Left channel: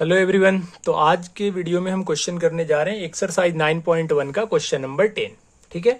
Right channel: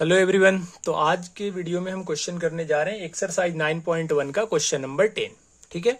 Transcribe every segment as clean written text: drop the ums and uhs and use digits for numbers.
Hello everyone. तो आज के वीडियो में हम क्वेश्चन करने जा रहे हैं एक्सरसाइज 9.1 का क्वेश्चन नंबर 10। ठीक है,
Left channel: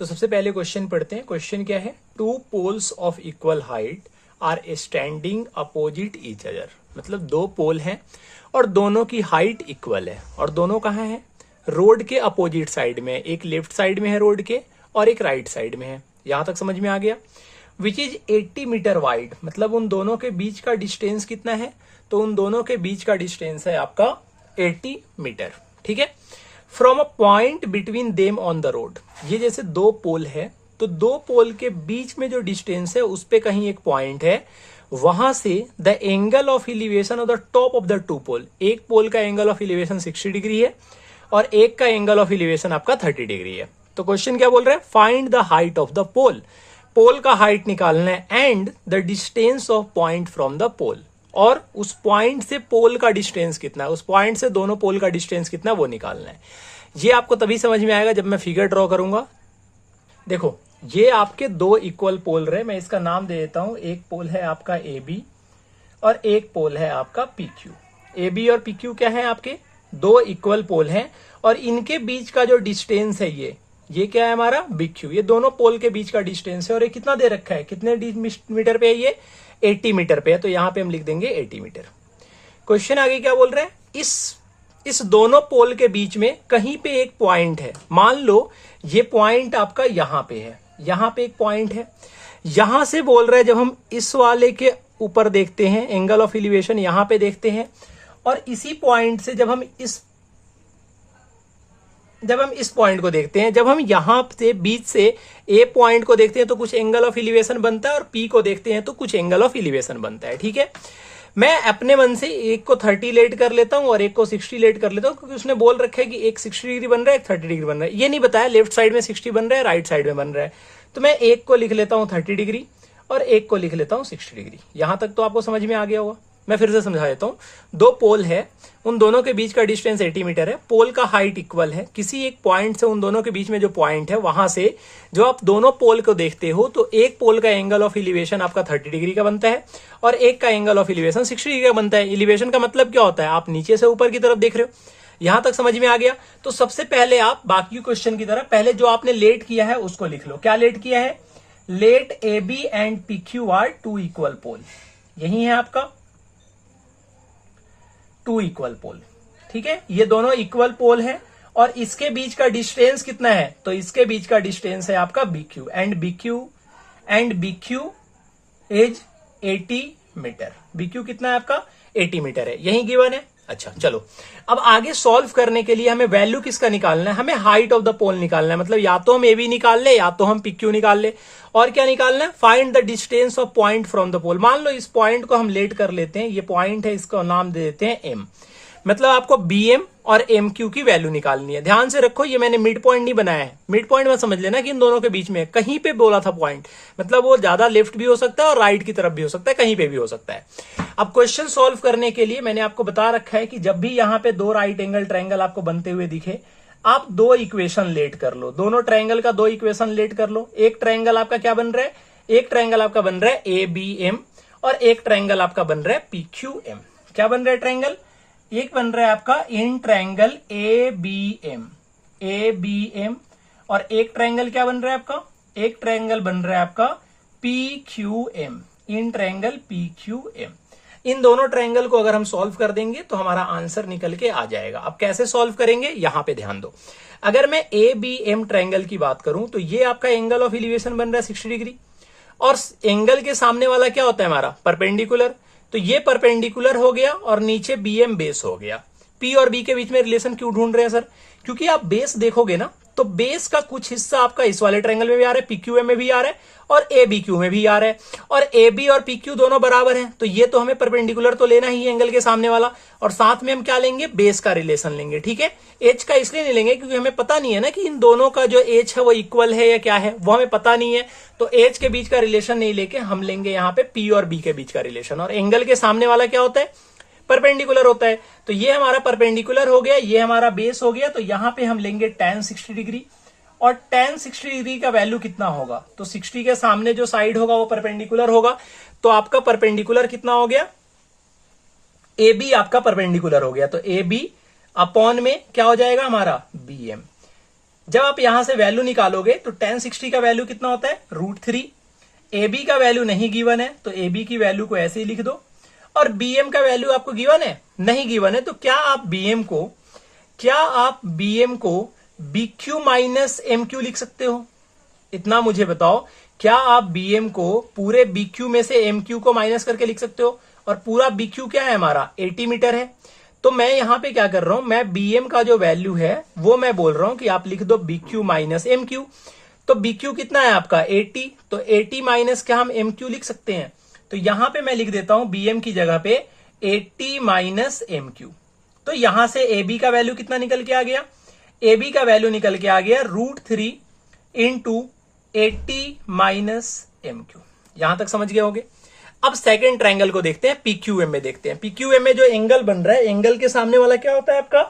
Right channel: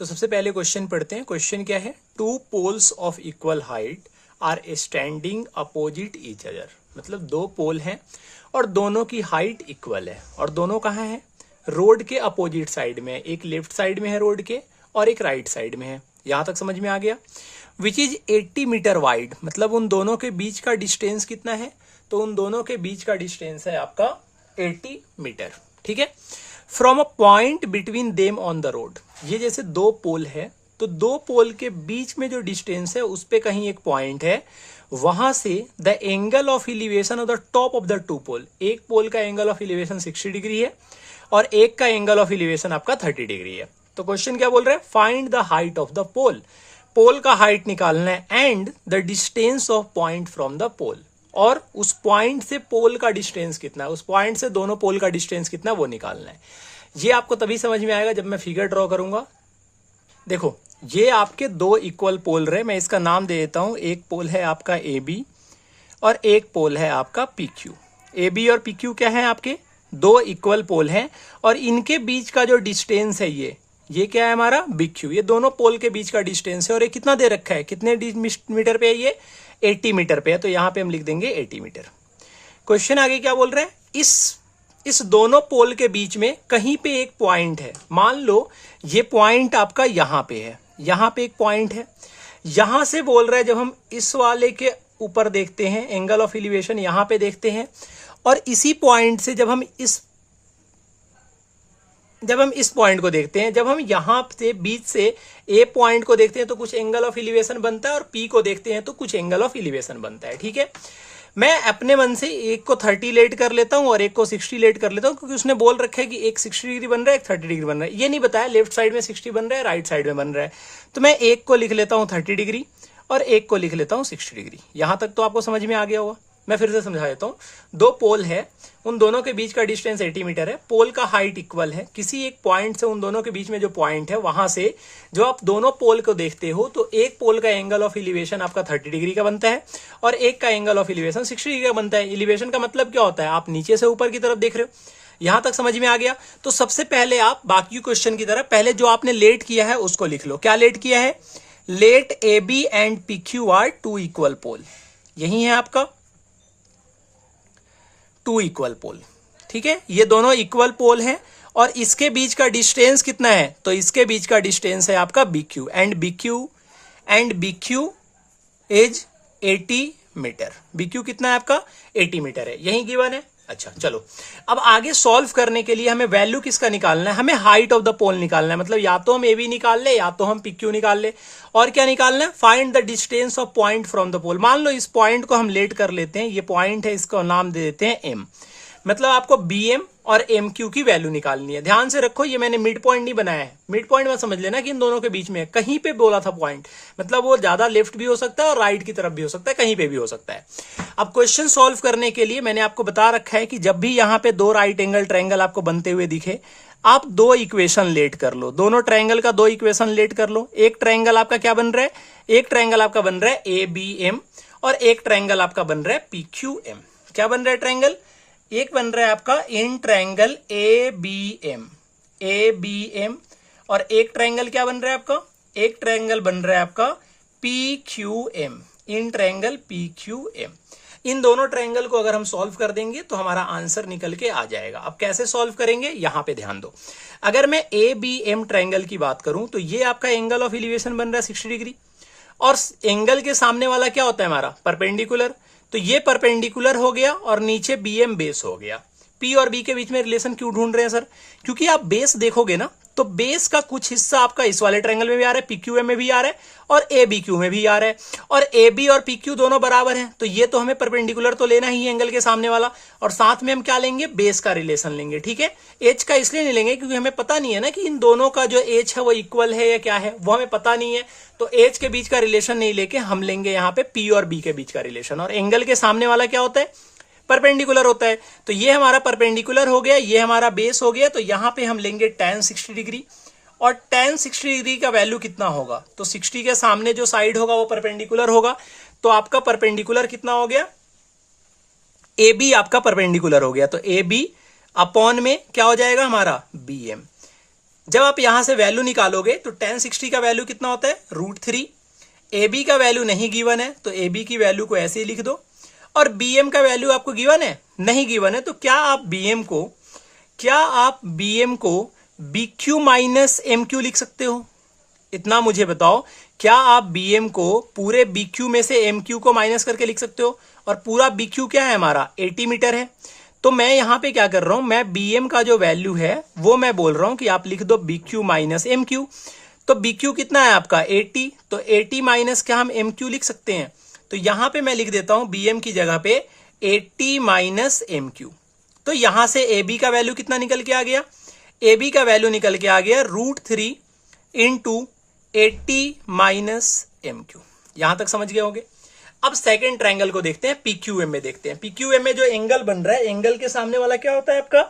तो सबसे पहले क्वेश्चन पढ़ते हैं। क्वेश्चन क्या है? Two poles of equal height are standing opposite each other. मतलब दो पोल हैं और दोनों की हाइट इक्वल है और दोनों कहाँ है? रोड के अपोजिट साइड में। एक लेफ्ट साइड में है रोड के और एक राइट साइड में है। यहां तक समझ में आ गया। Which is 80 metre wide. मतलब उन दोनों के बीच का डिस्टेंस कितना है? तो उन दोनों के बीच का डिस्टेंस है आपका 80 मीटर। ठीक है। From a point between them on the road. ये जैसे दो पोल है तो दो पोल के बीच में जो डिस्टेंस है उस पे कहीं एक पॉइंट है, वहां से the angle of elevation of the top of the two pole. एक पोल का एंगल ऑफ इलिवेशन 60 डिग्री है और एक का एंगल ऑफ इलिवेशन आपका 30 डिग्री है। तो क्वेश्चन क्या बोल रहा है? Find the height of the pole. Pole का हाइट निकालना है and the distance of point from the pole. और उस पॉइंट से पोल का डिस्टेंस कितना है, उस पॉइंट से दोनों पोल का डिस्टेंस कितना है वो निकालना है। ये आपको तभी समझ में आएगा जब मैं फिगर ड्रॉ करूंगा। देखो, ये आपके दो इक्वल पोल रहे। मैं इसका नाम दे देता हूं। एक पोल है आपका ए बी और एक पोल है आपका पी क्यू। ए बी और पी क्यू क्या है? आपके दो इक्वल पोल हैं और इनके बीच का जो डिस्टेंस है ये क्या है? हमारा बी क्यू। ये दोनों पोल के बीच का डिस्टेंस है और ये कितना दे रखा है? कितने मीटर पे है ये? 80 मीटर पे है। तो यहां पे हम लिख देंगे 80 मीटर। क्वेश्चन आगे क्या बोल रहा है? इस दोनों पोल के बीच में कहीं पे एक पॉइंट है। मान लो ये पॉइंट आपका यहां पे है, यहां पे एक पॉइंट है। यहां से बोल रहा है जब हम इस वाले के ऊपर देखते हैं, एंगल ऑफ एलिवेशन यहां पे देखते हैं और इसी पॉइंट से जब हम इस पॉइंट को देखते हैं, जब हम यहां से बीच से ए पॉइंट को देखते हैं तो कुछ एंगल ऑफ एलिवेशन बनता है और पी को देखते हैं तो कुछ एंगल ऑफ एलिवेशन बनता है। ठीक है, मैं अपने मन से एक को 30 लेट कर लेता हूं और एक को 60 लेट कर लेता हूं, क्योंकि उसने बोल रखा है कि एक 60 डिग्री बन रहा है, एक 30 डिग्री बन रहा है। ये नहीं बताया लेफ्ट साइड में 60 बन रहा है, राइट साइड में बन रहा है। तो मैं एक को लिख लेता हूं 30 डिग्री और एक को लिख लेता हूं 60 डिग्री। यहां तक तो आपको समझ में आ गया होगा। मैं फिर से समझा देता हूं। दो पोल है, उन दोनों के बीच का डिस्टेंस 80 मीटर है। पोल का हाइट इक्वल है। किसी एक पॉइंट से उन दोनों के बीच में जो पॉइंट है वहां से जो आप दोनों पोल को देखते हो तो एक पोल का एंगल ऑफ एलिवेशन आपका 30 डिग्री का बनता है और एक का एंगल ऑफ एलिवेशन 60 डिग्री का बनता है। एलिवेशन का मतलब क्या होता है? आप नीचे से ऊपर की तरफ देख रहे हो। यहां तक समझ में आ गया। तो सबसे पहले आप बाकी क्वेश्चन की तरह पहले जो आपने लेट किया है उसको लिख लो। क्या लेट किया है? Let A B and P Q are two equal pole. यही है आपका टू इक्वल पोल। ठीक है, ये दोनों इक्वल पोल हैं और इसके बीच का डिस्टेंस कितना है? तो इसके बीच का डिस्टेंस है आपका B Q and B Q is 80 metre. B Q कितना है आपका? 80 मीटर है। यही गिवन है। अच्छा चलो, अब आगे सॉल्व करने के लिए हमें वैल्यू किसका निकालना है? हमें हाइट ऑफ द पोल निकालना है। मतलब या तो हम ए बी निकाल ले या तो हम पी क्यू निकाल ले। और क्या निकालना है? Find the distance of point from the pole. मान लो इस पॉइंट को हम लेट कर लेते हैं। ये पॉइंट है, इसको नाम दे देते हैं एम। मतलब आपको बी एम और एम क्यू की वैल्यू निकालनी है। ध्यान से रखो, ये मैंने मिड पॉइंट नहीं बनाया है। मिड पॉइंट में समझ लेना कि इन दोनों के बीच में कहीं पे बोला था पॉइंट। मतलब वो ज्यादा लेफ्ट भी हो सकता है और राइट की तरफ भी हो सकता है, कहीं पे भी हो सकता है। अब क्वेश्चन सॉल्व करने के लिए मैंने आपको बता रखा है कि जब भी यहां पे दो राइट एंगल ट्रायंगल आपको बनते हुए दिखे, आप दो इक्वेशन लेट कर लो। दोनों ट्रायंगल का दो इक्वेशन लेट कर लो। एक ट्रायंगल आपका क्या बन रहा है? एक ट्रायंगल आपका बन रहा है ए बी एम और एक ट्रायंगल आपका बन रहा है पी क्यू एम। क्या बन रहा है ट्रायंगल? एक बन रहा है आपका in triangle A B M और एक ट्रायंगल क्या बन रहा है आपका? एक ट्रायंगल बन रहा है आपका P Q M, in triangle P Q M. इन दोनों ट्रायंगल को अगर हम सॉल्व कर देंगे तो हमारा आंसर निकल के आ जाएगा। अब कैसे सॉल्व करेंगे यहां पे ध्यान दो। अगर मैं ए बी एम ट्रायंगल की बात करूं तो ये आपका एंगल ऑफ एलिवेशन बन रहा है 60 डिग्री और एंगल के सामने वाला क्या होता है हमारा? परपेंडिकुलर। तो ये परपेंडिकुलर हो गया और नीचे बी एम बेस हो गया। पी और बी के बीच में रिलेशन क्यों ढूंढ रहे हैं सर? क्योंकि आप बेस देखोगे ना तो बेस का कुछ हिस्सा आपका इस वाले ट्रायंगल में भी आ रहा है, पी क्यू एम में भी आ रहा है और ए बी क्यू में भी आ रहा है और ए बी और पी क्यू दोनों बराबर हैं। तो ये तो हमें परपेंडिकुलर तो लेना ही एंगल के सामने वाला और साथ में हम क्या लेंगे? बेस का रिलेशन लेंगे। ठीक है, एच का इसलिए नहीं लेंगे क्योंकि हमें पता नहीं है ना कि इन दोनों का जो एच है वो इक्वल है या क्या है, वो हमें पता नहीं है। तो एच के बीच का रिलेशन नहीं लेके हम लेंगे यहाँ पे पी और बी के बीच का रिलेशन। और एंगल के सामने वाला क्या होता है? परपेंडिकुलर होता है। तो ये हमारा परपेंडिकुलर हो गया, ये हमारा बेस हो गया। तो यहां पे हम लेंगे tan 60 डिग्री और tan 60 डिग्री का वैल्यू कितना होगा? तो 60 के सामने जो साइड होगा वो परपेंडिकुलर होगा। तो आपका परपेंडिकुलर कितना हो गया? ए बी आपका परपेंडिकुलर हो गया, तो ए बी अपॉन में क्या हो जाएगा हमारा बी एम। जब आप यहां से वैल्यू निकालोगे तो tan 60 का वैल्यू कितना होता है √3। ए बी का वैल्यू नहीं गिवन है तो ए बी की वैल्यू को ऐसे ही लिख दो, और बी एम का वैल्यू आपको गिवन है नहीं गिवन है, तो क्या आप बी एम को B Q minus M Q लिख सकते हो? इतना मुझे बताओ, क्या आप बी एम को पूरे बी क्यू में से एम क्यू को माइनस करके लिख सकते हो? और पूरा बी क्यू क्या है हमारा 80 मीटर है। तो मैं यहां पे क्या कर रहा हूं, मैं बी एम का जो वैल्यू है वो मैं बोल रहा हूं कि आप लिख दो B Q minus M Q. तो बी क्यू कितना है आपका 80, तो 80 माइनस क्या हम एम क्यू लिख सकते हैं? तो यहां पे मैं लिख देता हूं बी एम की जगह पे 80 माइनस एम क्यू। तो यहां से ए बी का वैल्यू कितना निकल के आ गया? ए बी का वैल्यू निकल के आ गया √3 इंटू 80 माइनस एम क्यू। यहां तक समझ गए होंगे। अब सेकंड ट्रायंगल को देखते हैं, पीक्यूएम में देखते हैं। पीक्यूएम में जो एंगल बन रहा है, एंगल के सामने वाला क्या होता है आपका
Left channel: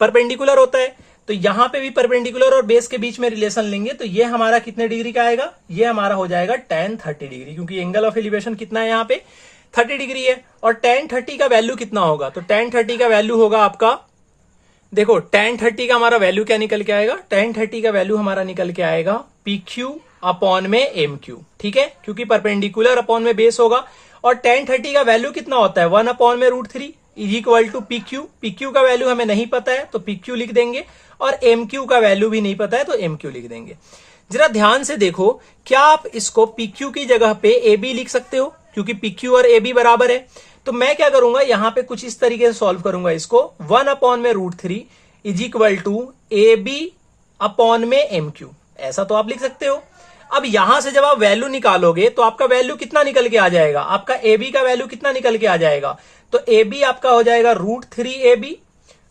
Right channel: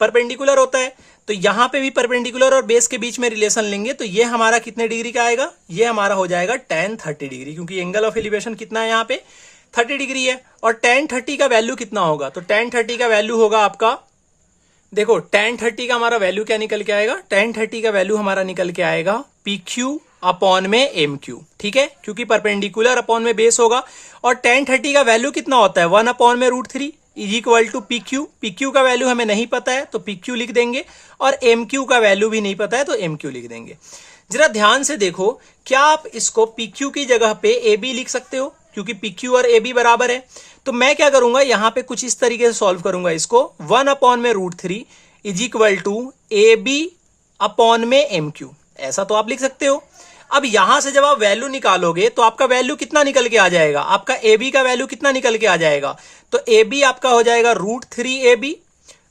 परपेंडिकुलर होता है। तो यहां पे भी परपेंडिकुलर और बेस के बीच में रिलेशन लेंगे तो ये हमारा कितने डिग्री का आएगा? ये हमारा हो जाएगा tan 30 डिग्री, क्योंकि एंगल ऑफ एलिवेशन कितना है यहाँ पे 30 डिग्री है। और tan 30 का वैल्यू कितना होगा? तो tan 30 का वैल्यू होगा आपका, देखो tan 30 का हमारा वैल्यू क्या निकल के आएगा? tan 30 का वैल्यू हमारा निकल के आएगा PQ अपॉन में MQ, ठीक है, क्योंकि परपेंडिकुलर अपॉन में बेस होगा। और tan 30 का वैल्यू कितना होता है 1 अपॉन में √3 is equal to PQ। PQ का वैल्यू हमें नहीं पता है तो PQ लिख देंगे, और MQ का वैल्यू भी नहीं पता है तो MQ लिख देंगे। जरा ध्यान से देखो, क्या आप इसको PQ की जगह पे AB लिख सकते हो? क्योंकि PQ और AB बराबर है। तो मैं क्या करूंगा, यहां पे कुछ इस तरीके से सॉल्व करूंगा इसको, 1 अपॉन में √3 is equal to AB upon में MQ, ऐसा तो आप लिख सकते हो। अब यहां से जब आप वैल्यू निकालोगे तो आपका वैल्यू कितना निकल के आ जाएगा? आपका AB का वैल्यू कितना निकल के आ जाएगा? तो AB आपका हो जाएगा √3AB।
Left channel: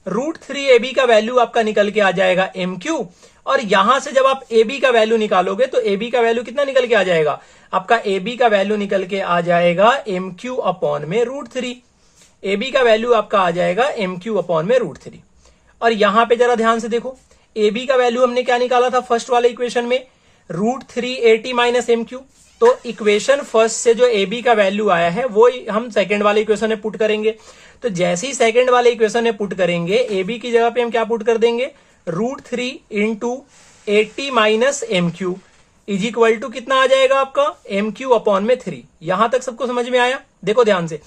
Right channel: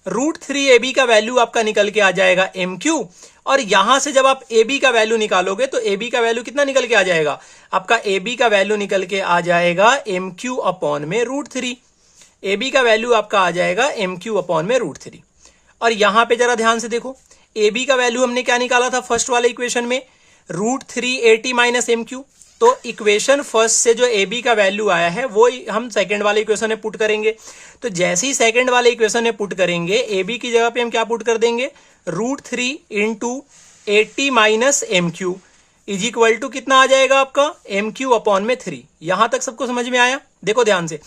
√3AB का वैल्यू आपका निकल के आ जाएगा MQ। और यहां से जब आप AB का वैल्यू निकालोगे तो AB का वैल्यू कितना निकल के आ जाएगा? आपका AB का वैल्यू निकल के आ जाएगा MQ अपॉन में √3। AB का वैल्यू आपका आ जाएगा MQ अपॉन में √3। और यहां पे जरा ध्यान से देखो, AB का वैल्यू हमने क्या निकाला था फर्स्ट वाले इक्वेशन में? √3 80 माइनस MQ। तो इक्वेशन फर्स्ट से जो AB का वैल्यू आया है वो हम सेकंड वाले इक्वेशन में पुट करेंगे। तो जैसे ही सेकंड वाले इक्वेशन में पुट करेंगे, AB की जगह पे हम क्या पुट कर देंगे? √3 into 80 minus MQ is equal to कितना आ जाएगा आपका? MQ अपॉन में 3। यहां तक सबको समझ में आया? देखो ध्यान से,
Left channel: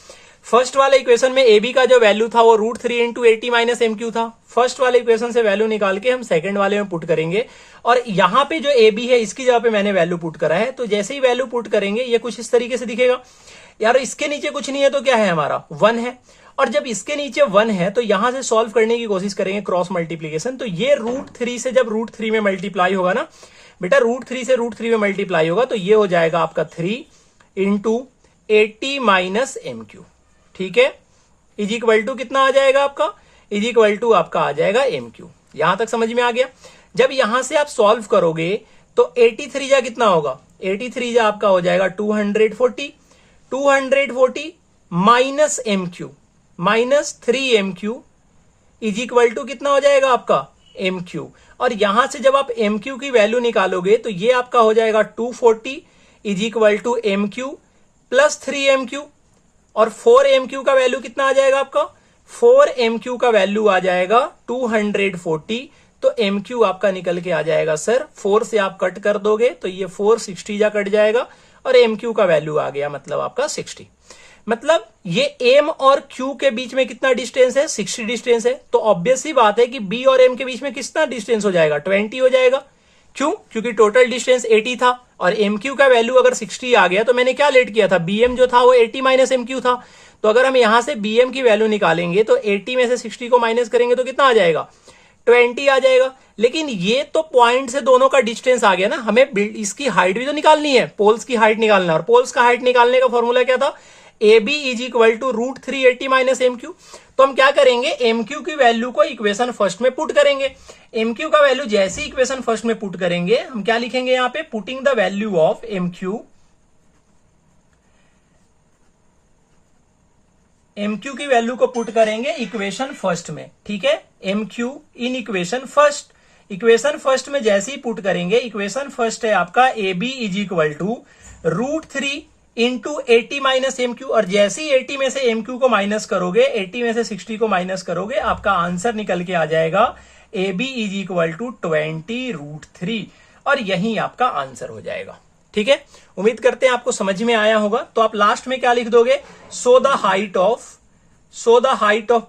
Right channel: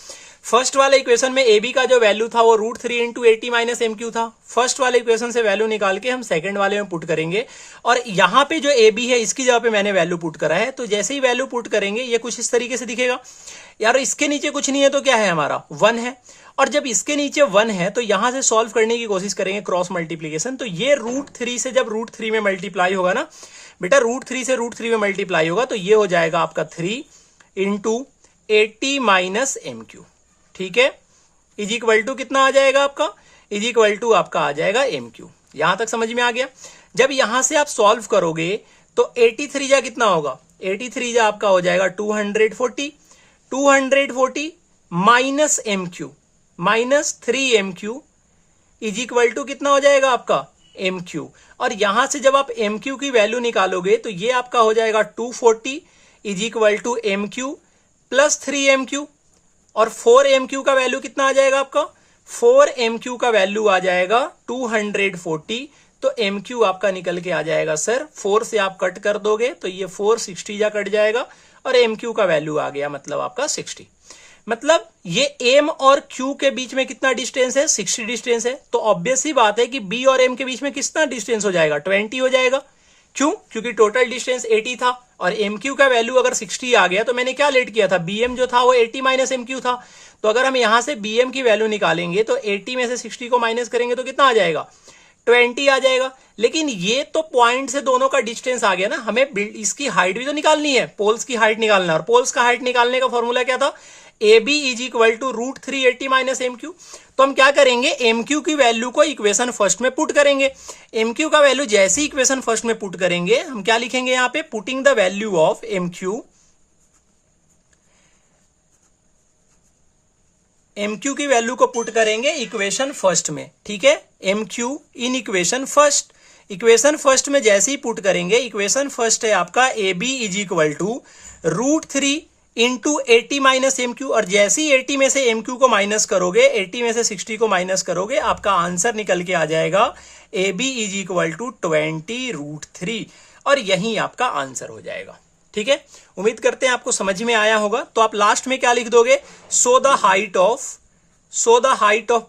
फर्स्ट वाले इक्वेशन में AB का जो वैल्यू था वो √3 इंटू 80 माइनस MQ था। फर्स्ट वाले इक्वेशन से वैल्यू निकाल के हम सेकंड वाले में पुट करेंगे, और यहां पे जो AB है इसकी जगह पे मैंने वैल्यू पुट करा है। तो जैसे ही वैल्यू पुट करेंगे ये कुछ इस तरीके से दिखेगा। यार इसके नीचे कुछ नहीं है तो क्या है हमारा 1 है, और जब इसके नीचे 1 है तो यहां से सॉल्व करने की कोशिश करेंगे क्रॉस मल्टीप्लीकेशन। तो ये √3 से जब √3 में मल्टीप्लाई होगा ना बेटा, √3 से √3 में मल्टीप्लाई होगा तो ये हो जाएगा आपका 3 इंटू 80 माइनस MQ, ठीक है, इज इक्वल टू कितना आ जाएगा आपका? इज इक्वल टू आपका आ जाएगा MQ। यहां तक समझ में आ गया? जब यहां से आप सॉल्व करोगे तो 83 जा कितना होगा? 83 जा आपका हो जाएगा 240 minus MQ minus 3MQ is equal to कितना हो जाएगा आपका? MQ। और यहां से जब आप MQ की वैल्यू निकालोगे तो ये आपका हो जाएगा 240 is equal to MQ plus 3MQ। और 4MQ का वैल्यू कितना आ जाएगा आपका? 4MQ का वैल्यू आ जाएगा 240। तो MQ आपका निकल के आ जाएगा सर, 4 से आप कट कर दोगे तो ये 460 जा कट जाएगा, और MQ का वैल्यू आ गया मतलब आपका 60। मतलब ये M और Q के बीच में कितना डिस्टेंस है? 60 डिस्टेंस है। तो ऑब्वियस सी बात है कि B और M के बीच में कितना डिस्टेंस हो जाएगा? 20 हो जाएगा। क्यों? क्योंकि टोटल डिस्टेंस 80 था, और MQ का वैल्यू अगर 60 आ गया तो मैंने क्या लेट किया था? BM जो था वो 80 माइनस MQ था। तो अगर हम यहां से BM की वैल्यू निकालेंगे तो 80 में से 60 को माइनस करेंगे तो कितना आ जाएगा? 20 आ जाएगा। लेकिन ये तो पॉइंट से दोनों का डिस्टेंस आ गया ना, हमें इसकी हाइट भी तो निकालनी है, पोल्स की हाइट निकालना है। और पोल्स का हाइट निकालने का फॉर्मूला क्या था? AB is equal to √3 80 minus MQ। तो हम क्या करेंगे? MQ की वैल्यू को इक्वेशन फर्स्ट में पुट करेंगे। MQ का वैल्यू जैसे ही इक्वेशन फर्स्ट में पुट करेंगे, हम क्या लिखेंगे यहां पे? Putting the value of MQ की वैल्यू को पुट करेंगे इक्वेशन फर्स्ट में, ठीक है, MQ in equation first. Equation first में जैसे ही पुट करेंगे, इक्वेशन फर्स्ट है आपका AB is equal to √3 into 80 minus MQ, और जैसे ही 80 में से MQ को माइनस करोगे, 80 में से 60 को माइनस करोगे, आपका आंसर निकल के आ जाएगा AB इज इक्वल टू 20√3, और यही आपका आंसर हो जाएगा। ठीक है, उम्मीद करते हैं आपको समझ में आया होगा। तो आप लास्ट में क्या लिख दोगे, so the height of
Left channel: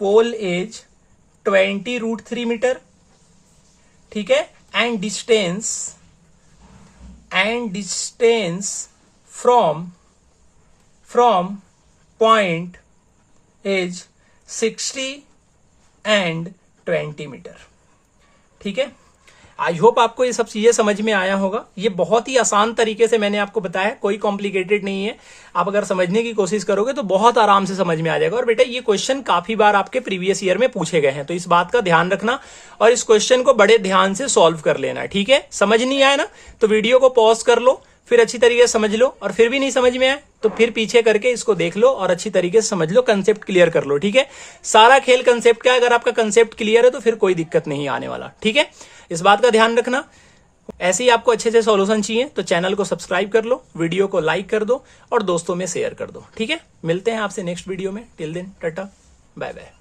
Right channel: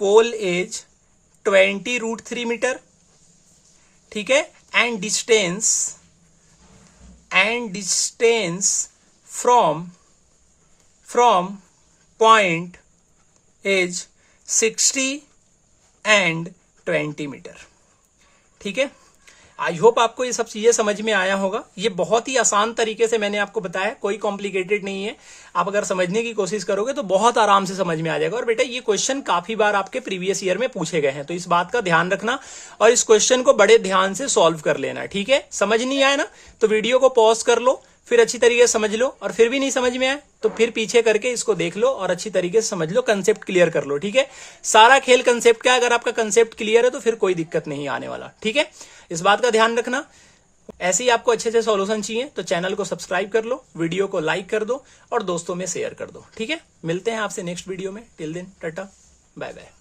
pole as 20√3 metre. ठीक है, and distance from point is 60 and 20 metre. ठीक है, आई होप आपको ये सब चीजें समझ में आया होगा। ये बहुत ही आसान तरीके से मैंने आपको बताया, कोई कॉम्प्लिकेटेड नहीं है। आप अगर समझने की कोशिश करोगे तो बहुत आराम से समझ में आ जाएगा। और बेटा ये क्वेश्चन काफी बार आपके प्रीवियस ईयर में पूछे गए हैं, तो इस बात का ध्यान रखना और इस क्वेश्चन को बड़े ध्यान से सॉल्व कर लेना। ठीक है, समझ नहीं आया ना तो वीडियो को पॉज कर लो, फिर अच्छी तरीके से समझ लो, और फिर भी नहीं समझ में आए तो फिर पीछे करके इसको देख लो और अच्छी तरीके से समझ लो, कंसेप्ट क्लियर कर लो। ठीक है, सारा खेल कंसेप्ट का, अगर आपका कंसेप्ट क्लियर है तो फिर कोई दिक्कत नहीं आने वाला। ठीक है, इस बात का ध्यान रखना। ऐसे ही आपको अच्छे से सॉल्यूशन चाहिए तो चैनल को सब्सक्राइब कर लो, वीडियो को लाइक कर दो और दोस्तों में शेयर कर दो। ठीक है, मिलते हैं आपसे नेक्स्ट वीडियो में। Till then tata, bye bye.